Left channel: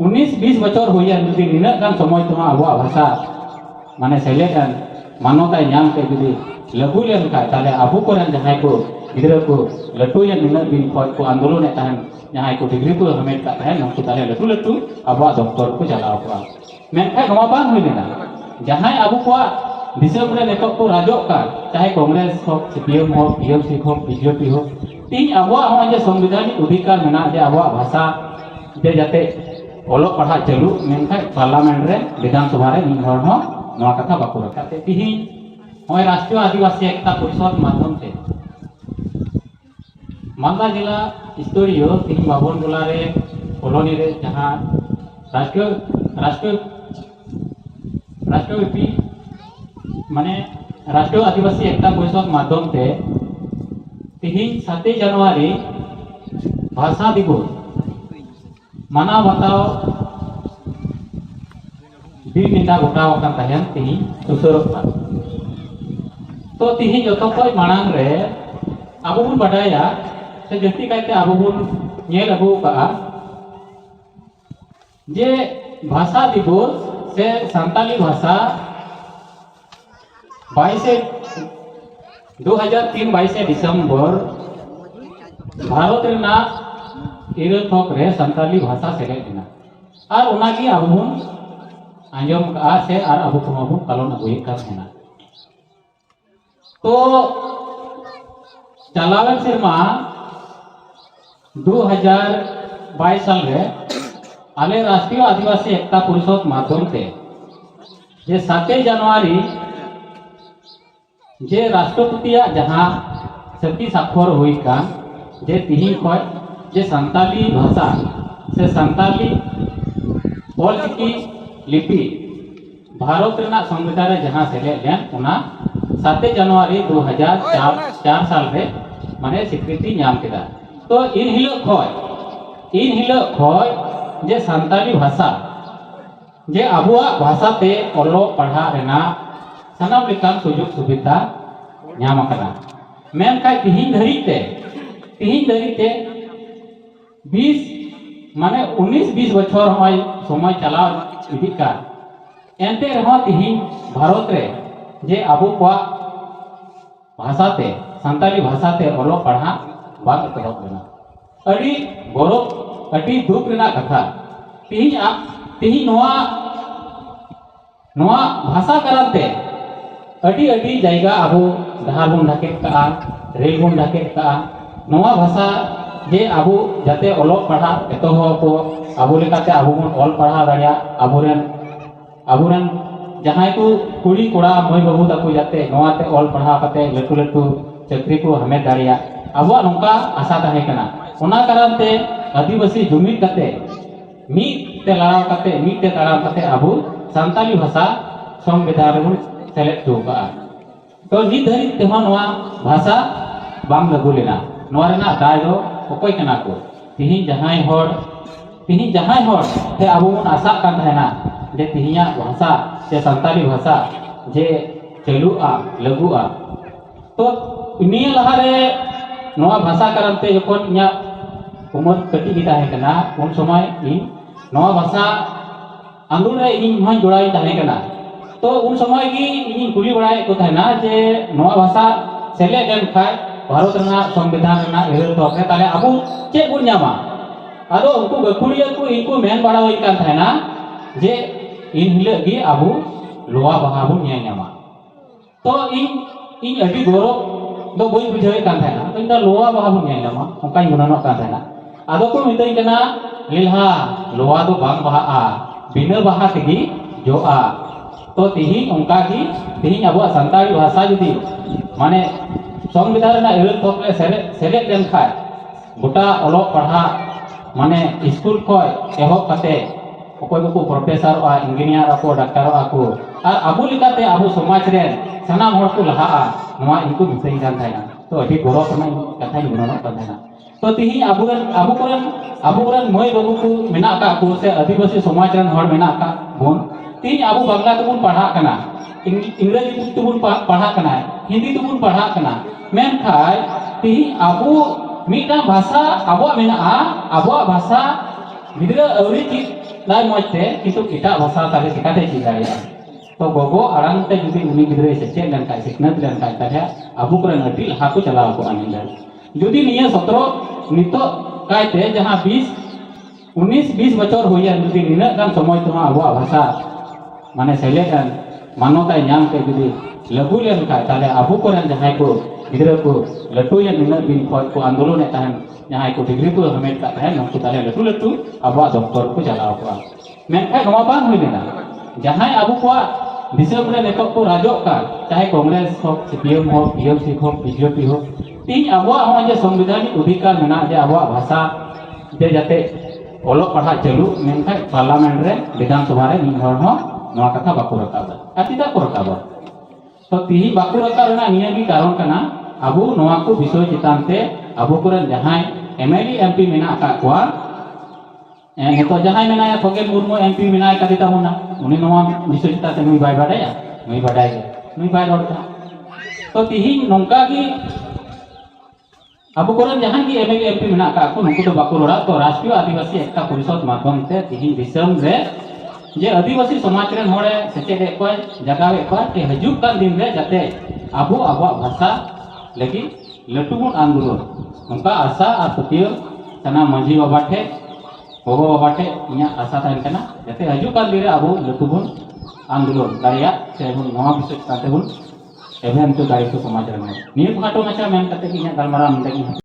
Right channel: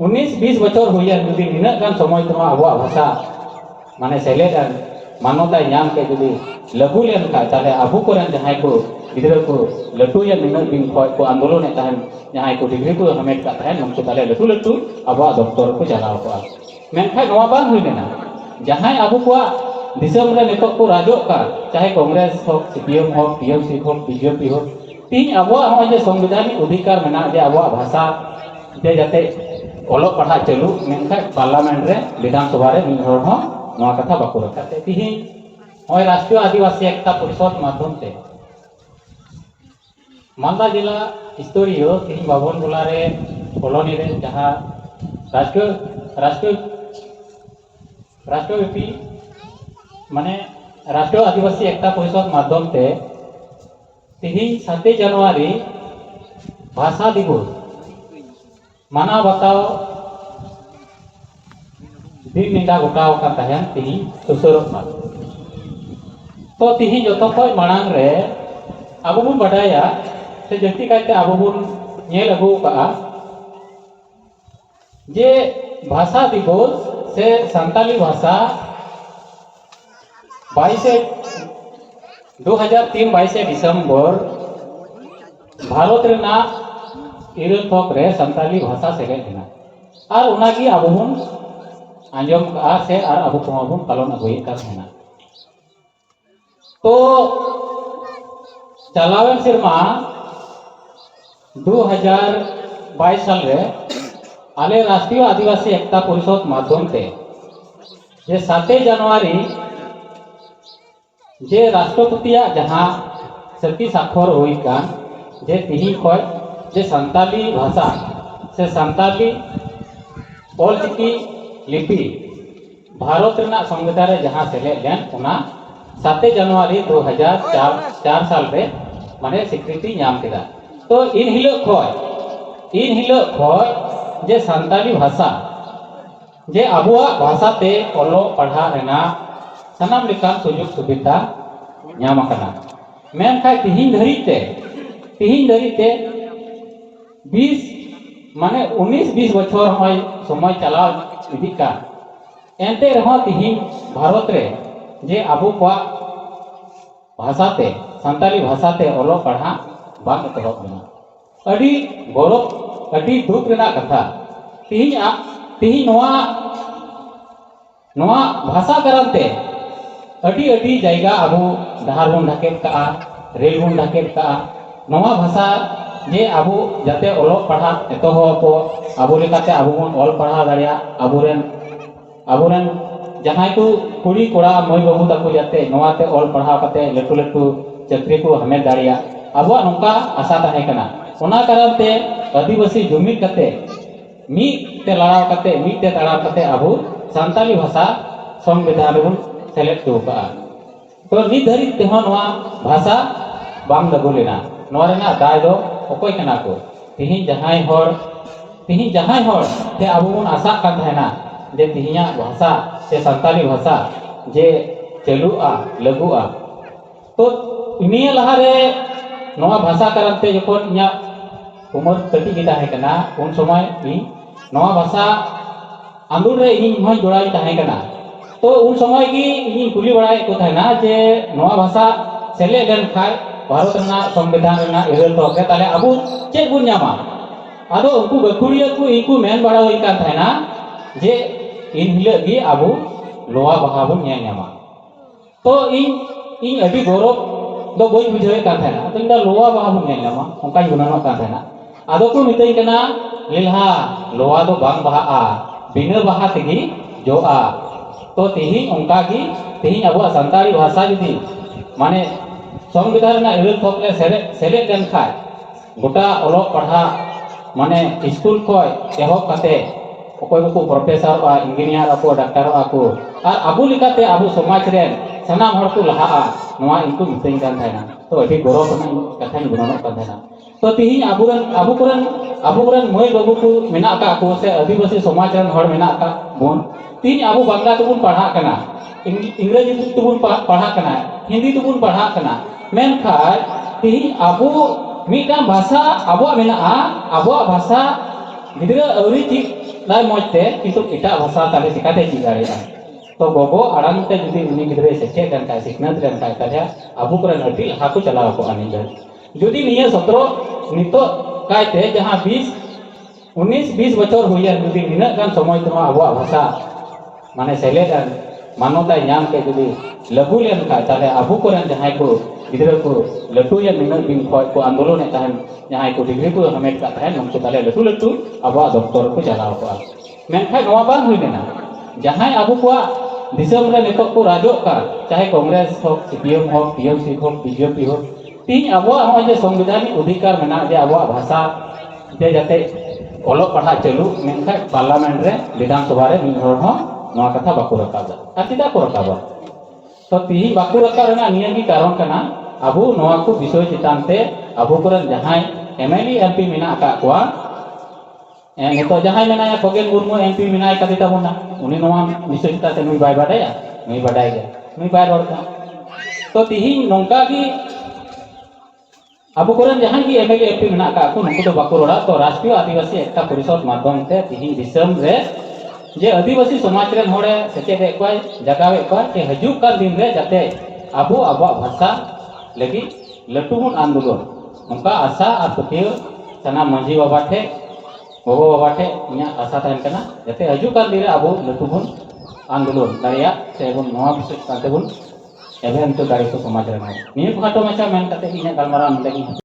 19-20 বছর হইয়া যদি নিনা গান সময় তোমা আবুয়া ভাষা মানে সেলেদান মানবতায় নাম के যদি লাগু লেন का তাহলে আবু কোরআন যাহাই को गिदरा को लटू या निना दिन को आंदोलन ताहन जहां को डिग्री को हमें का है उनको ताले लटू लटू अब डॉक्टर को चलाव को मेनखा नवा बांग हुई लेना जहां अबू को दिसम रे नेतो को राजो का चाहे कांग्रेस हो सीपीएम हो पीएमसी हो बीजेपी हो तीन अब हम संवैधानिक अधिकार मेना जे अब भाषा जे जाते ओलो पढ़ा चलू मेनखा पार्लियामेंट रे विधानसभा रे मिल हर हो नवा कथा बाको रखाते तीन होय राष्ट्रीय आदिवासी एकता परिषद माध्यम से मालदा जिला स्तरीय तीन बाबन बुलारे कॉलोनी रे जहां राष्ट्रव्यापी माने राष्ट्रीय आदिवासी एकता परिषद माध्यम से तीन 7 जनवरी भाषा दिवस माना बताओ दिन निदा गोटाव का तहन तीन सुसरता तो तीन जो खय मांग रे अब बन बडाया से जल्दी कहते अब बन अगू का जे भाषा दिवस से संताली भाषा 2003 दिसंबर भारत रेना इरल थोक रे संताली भाषा सेलेदना और उनागी अब बन आंजम का से और अब को बन पालन अगुई का सेना तो चलावन सिरमा 2022 साल रे आले राष्ट्रीय आदिवासी एकता परिषद माध्यम से जे 7 जनवरी जे राष्ट्रपति जहां सती साक्षर हुई कान जे तिही खय जे संताली भाषा से संताली ऑलचिकी लिपि भारत रेना संविधान रे जहां सेले लेन उना 7 जनवरी 2004 साल रे माने स्वीकृति नाम केदा तो इन हिलो खय जे संताली भाषा जे अबुआ भाषा ते ओलो पढ़ा रेना सनाम लेका सुजुग सुविधा नाम कना मेनखा तिहिन धरी ते 20 माने 19-20 बछर हमाय समय चला इदिका एंते रहा तिहिन भारत रे जे अबु को भाषा ते संताली भाषा ते ओलो पढ़ा बाग एतहब लेना अड़ी गौरव अड़ी दुख रेना कथा तिहिन नोआ भाषा कराते अड़ी अड़ी जायगा अबु डहार बन ढाके का रेल बन ढाके का नोआ भाषा जे अबु जाते ओलो पढ़ा एतहब को अबु लेकाते अबु बन ओल पढ़ा दाड़िया अबुरेन जहां को कुड़ी कोड़ा मई बाबू तक जाते नोआते ओल पढ़ा कते लटू लटू चाकरी को हमें दाड़िया अब नौका आशा तहे कना उना कारण ते आदिवासी जुमिद कते मीत ते लड़ाव कते मीत ते तड़ाव कते अबु संताली भाषा संविधान रे सेलेक्ट दो का तो नित धरी ते नोआ भाषा बांग लागू लेना नोआ रेना दाय दो ओकोय कना को तिहिन जहां होर ते अबु आशा का तहेना जे तिहिया भाषा से संताली भाषा जे चलुआ लगुआ तो निया लहारे नोआ भाषा करते जखन इया उमर कटी गी ताहे कना उन समय इन नोआ भाषा आंदोलन रे इन माय जोड़ाई ताहे कना तो उन समय की इन कुली बड़ाई को ताहेना जे नोआ भाषा सेले लेन खाय भारत रेना संविधान रेना एरल तो के ताले अबु चेक बुन न्यामा आदो उनको गखुड़िया को इनको मेन बड़ा होई कान थायना जे इन हिले गी अबु लोहा बहा बुन न्यामा तो इन अभी गौरव दो बई बुझावे कान थायना तो इंदा लोहा बहा बुन न्यामा ओका गुनानो कान थायना आदो को मितई कना लिलहा लोहा दो बांग बहा बिना बहा तेगी जो तो तिहिन उनका की तिहिन अबु संताली भाषा जदी माने संविधान में इरल थोकले सेलेक्ट लेन खाय गोटा ओलो पढ़ा माने स्कूल खय एहब कते अकोय को प्रोफेसर बा इंजीनियर को डॉक्टर को और अबु लिकाते अबु समाज रे सनाम हर को लहा नोआ इनको मितई कान थायना तो अभी गौरव करना कथा गुनानो कान थायना तो तिहिन अबु कुरन मई बाबू को मेना का को से आदिवासी समाज रन हर मेना का बोन तिहिन अबु बांग्ला तो बुन पढ़ा कना इंग्रजी तो बुन पढ़ा कना हिंदी तो बुन पढ़ा कना मेन खाय तिहिन अबु मिटा भाषा अबु मेना अबु भाषा गिदरा अवरी चीज लाई मजते किंतु एटा भाषा ताले चिकाते चिगाया तो गोगो आराम ते जुदी उनी गिद्रे सेचे लेन काय सिकनत लेन काय ताले अबु करन अटी लहा को चलाव को आनिंदा जुदी निया 17 नितो कायते जहां 19-20 बचर हुइया जुदी निना गान समय तमा अबु भाषा माने सेलेडन मानवता ᱧᱟᱢ के जुदी लगु लेन काय ताले अबु करन जहां को गिद्रे को लटू या निना बिन को आंदोलन ताहन जहां को डिग्री को हमें का है उनको ताले लटू लटू अबु दफ्तर को चलाव को मेनखाय नोवा बांग हुइलेना जहां अबु को दिसम रे नेतो को राजो का चाहे कांग्रेस हो सीपीएम हो पीएमसी हो बीजेपी हो तीन अबो हम जे संविधानिक अधिकार मेना जे अबो भाषा जे जाते ओलो पढ़ा चलू मेनखा पार्लियामेंट रे विधानसभा रे निहर हो नवा कथा बाको रकाबा अतिदा को रकाबा तो ती बाको रका रना निया की कारण कना अबो नवा को विषय चितान ते अबो करन जहां एमएलए एमपी मेना का कोआ नेतो जहां मेना खगेन मुर्मू एमपी मेना कदिता होना उनी नवा विषय चिता ते बाय बाडाया नहीं बाडाय नहीं बाय रोडता तो तिहिन नोंका की अबो करन जहां की एमएलए एमपी मेना का को नुको तो बाको रोडा तो राष्ट्रीय आदिवासी एकता परिषद माध्यम ते तिहिन दिसम रे जे आदिवासी समाज रे होड़े सेटे को जगावे को ते हजू का दिन रे जाते अबो भाषा लगी लटुबुन आंदोलन नोंका आशा आ पतियो तना मांझी बाबा ठे गोगो बाबा ठे इया आशा तहन कना जाते हजू का दिन रे अबो लटुबुन आंदोलन दाया सेबुन नवा विषय ताते बुन एवं तो दायित्व समाज रे निय खाटो माचा मेन कते इया गलमारा मंडे की